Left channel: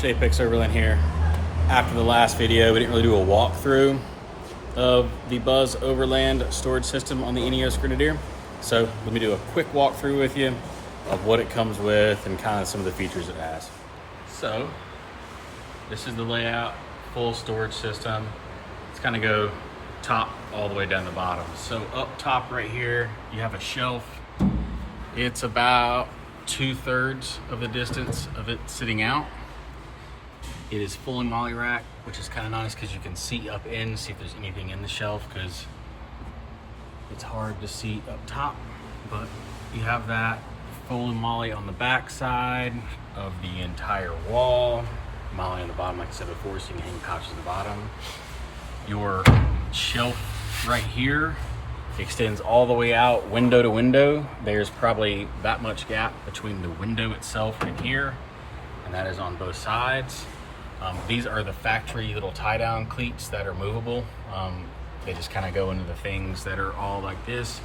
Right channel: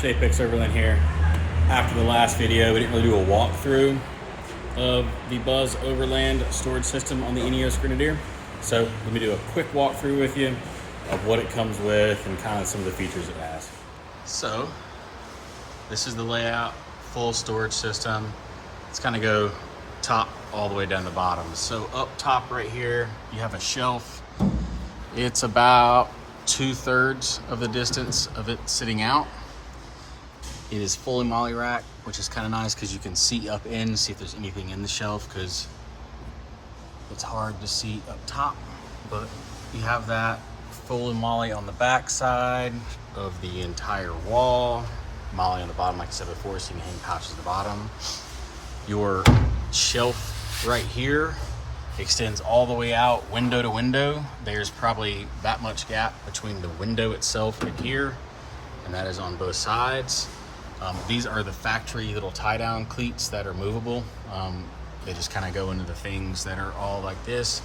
Josh, Apex Overland here. After the last video, we didn't really do a walkthrough of the Buzz Overland Storage System on the Ineos Grenadier. So let me do a quick walkthrough with you of what it comes with and kind of some of the features it has. So this is the layout, full storage system. Let's kind of go top all the way down the bottom. So up top right here, you have a shelf. It's about 2/3 of the distance of it sitting out. It is fully molly rack, which is kind of nice because you can see up in, see if there's anything in the shelf, because it's hard to see up top. But you have that fully molly on the back side of the entire wall, molly on the bottom, like I said before, so you can hang pouches at the bottom. Your shelf right here extends all the way out, window to window. There's probably that much gap between the window itself right here, and that is on both sides. These are the factory little tie-down cleats that are movable. They just kind of go into the things that are all like this.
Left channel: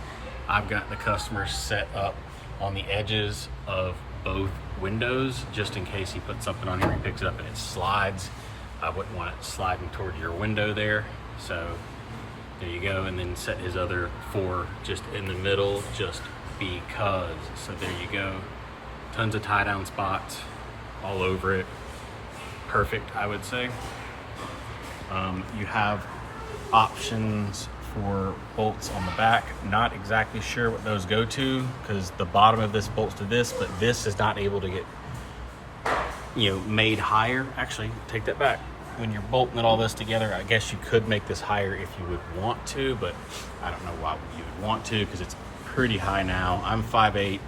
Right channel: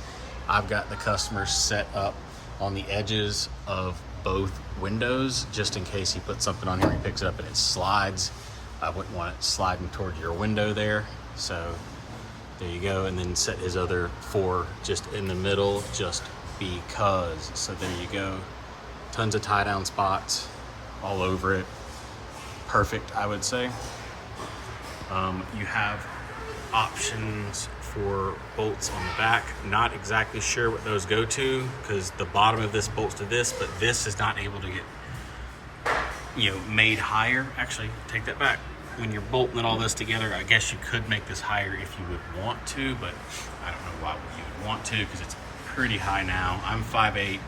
I've got the customers set up on the edges of both windows, just in case he puts something on here and he picks it up and it slides. I wouldn't want it sliding toward your window there. So there you go, and then set his other 4 just in the middle, just because. So there you go. Tons of tie-down spots all over it. Perfect, I would say. You have options for bolts on the back. Not exactly sure what those go to, because the bottom of this bolts to this, but this is not able to get, made higher. Actually, take that back. When you're bolting all this together, I guess you could make this higher if you would want to, but I don't know why you would want to, because it's pretty high now. I'm 5'8".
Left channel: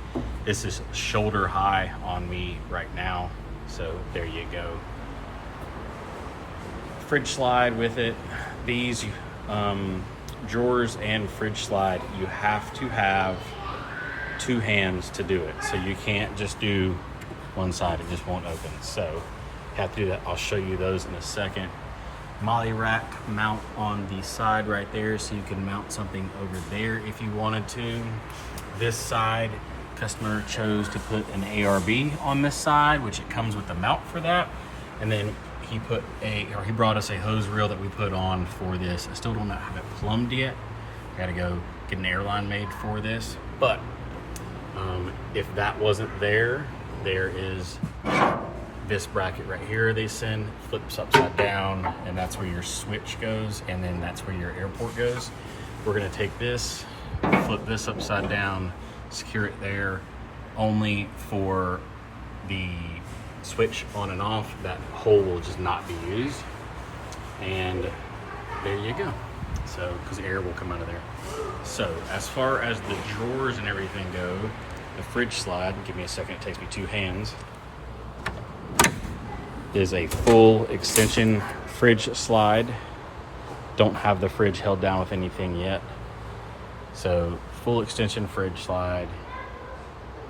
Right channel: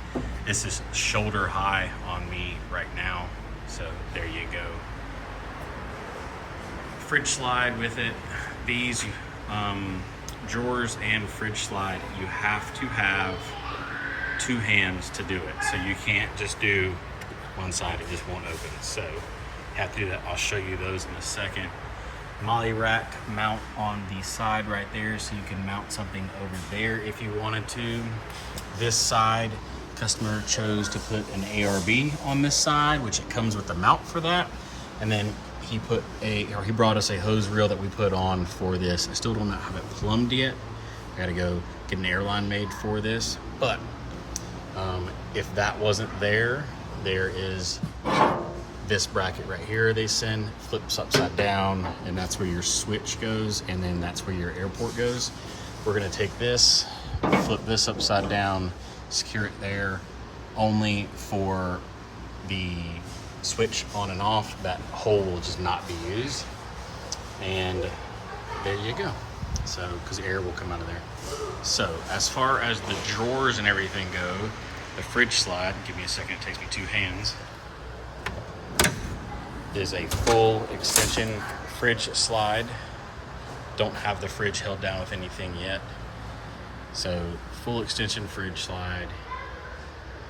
This is shoulder high on me right now. So there you go. Fridge slide with it. These drawers and fridge slide, you have to have 2 hands to do it. So you can't just do one side, it just won't open. So have to do that. I'll show you those in a second. Molly rack mount on the side right there, so you can mount something over there if you wanted to. This side, customer chose to put an ARB on this side, which it comes with the mount for that. And then he brought us a hose reel that we put on for this. I still do not have it plumbed yet. I gotta go get an airline made for this. But if that wasn't there, there is this bracket right here they send, flips upside down, and that's where your switch goes, and then that's where your airport goes. We're gonna take this, flip this upside down, secure it there, only for the switch on and off. That hole will just not be used. And there you go. So, because air will come out of there. So, as far as the drawers and everything go, the fridge slide, give me a second, it takes me 2 hands, is a full extension fridge slide. Don't have the fridge held down with anything yet. So full extension fridge slide.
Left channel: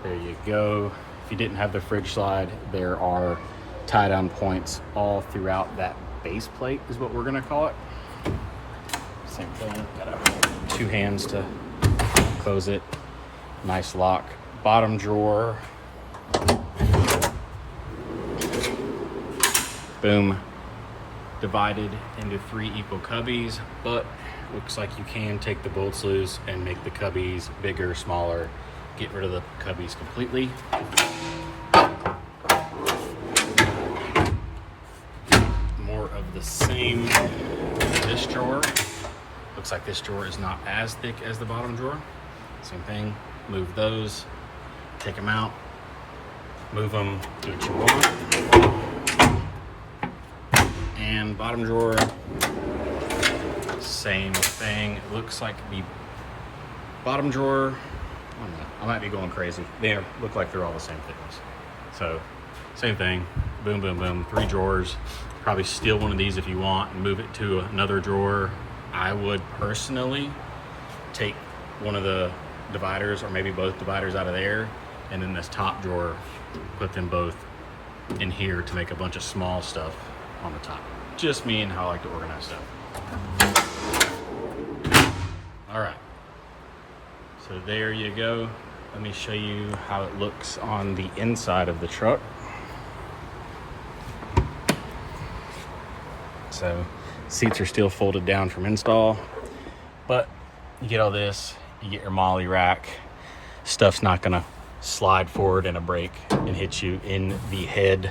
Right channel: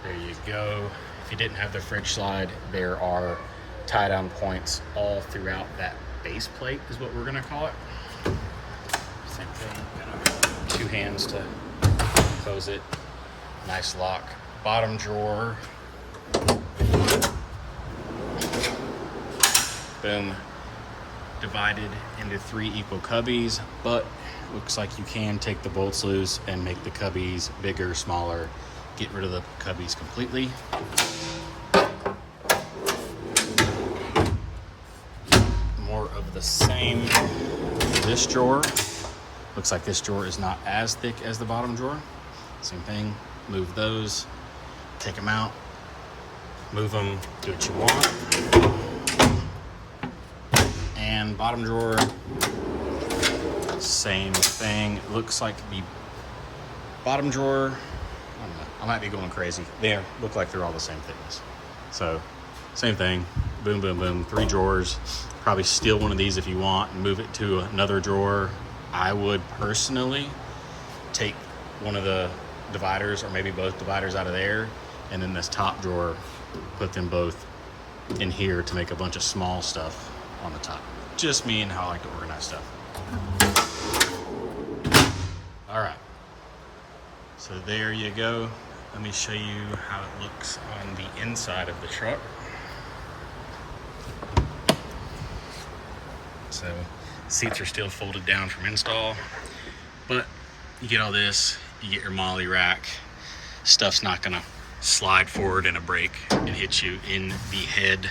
There you go. If you didn't have the fridge slide, there are tie down points all throughout that base plate is what we're gonna call it. Same thing, got 2 hands to close it. Nice lock. Bottom drawer. Boom, divided into 3 equal cubbies, but looks like you can take the bolts loose and make the cubbies bigger, smaller, get rid of the cubbies completely. More of the same. This drawer, looks like this drawer is not as thick as the bottom drawer. Same thing, move those, take them out, move them, do what you want. And bottom drawer, same thing. It looks like the bottom drawer, I don't know, I might be going crazy. They look like they're all the same thickness. So same thing, boom, boom, boom, 3 drawers. Probably steal one of these if you want and move it to another drawer. I would personally take one of the dividers or maybe both dividers out of there, and then this top drawer, put them both in here to make a bunch of small stuff on the top. Just me and how I like to organize stuff. All right, so there you go. Let me show you how it looks on the inside of the truck. So seats are still folded down from install, but you get all this, you get your molly rack. Stuff's not gonna slide forward in a brake and hit you in the head.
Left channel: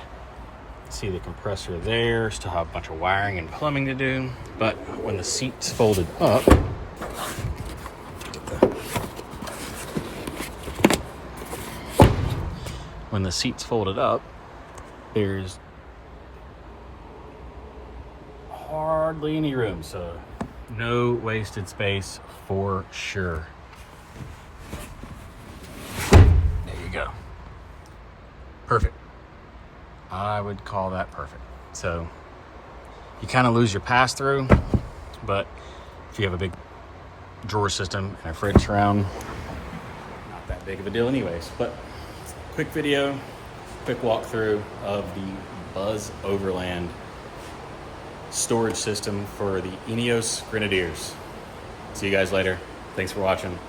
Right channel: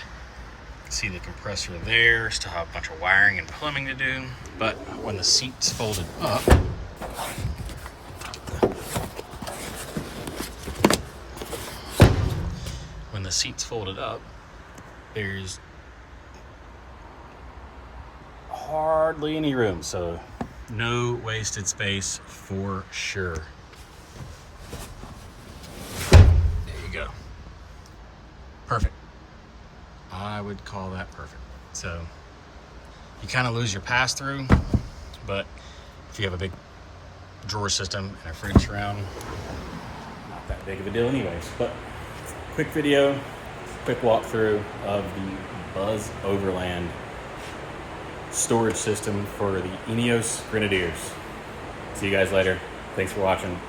See the compressor there, still have a bunch of wiring and plumbing to do. But when the seat's folded up, there's hardly any room, so no wasted space for sure. There you go. Perfect. I would call that perfect. So you kind of lose your pass through, but if you have a big drawer system and a fridge surround, not that big of a deal anyways. But quick video, quick walkthrough of the Buzz Overland storage system for the Ineos Grenadiers. See you guys later. Thanks for watching.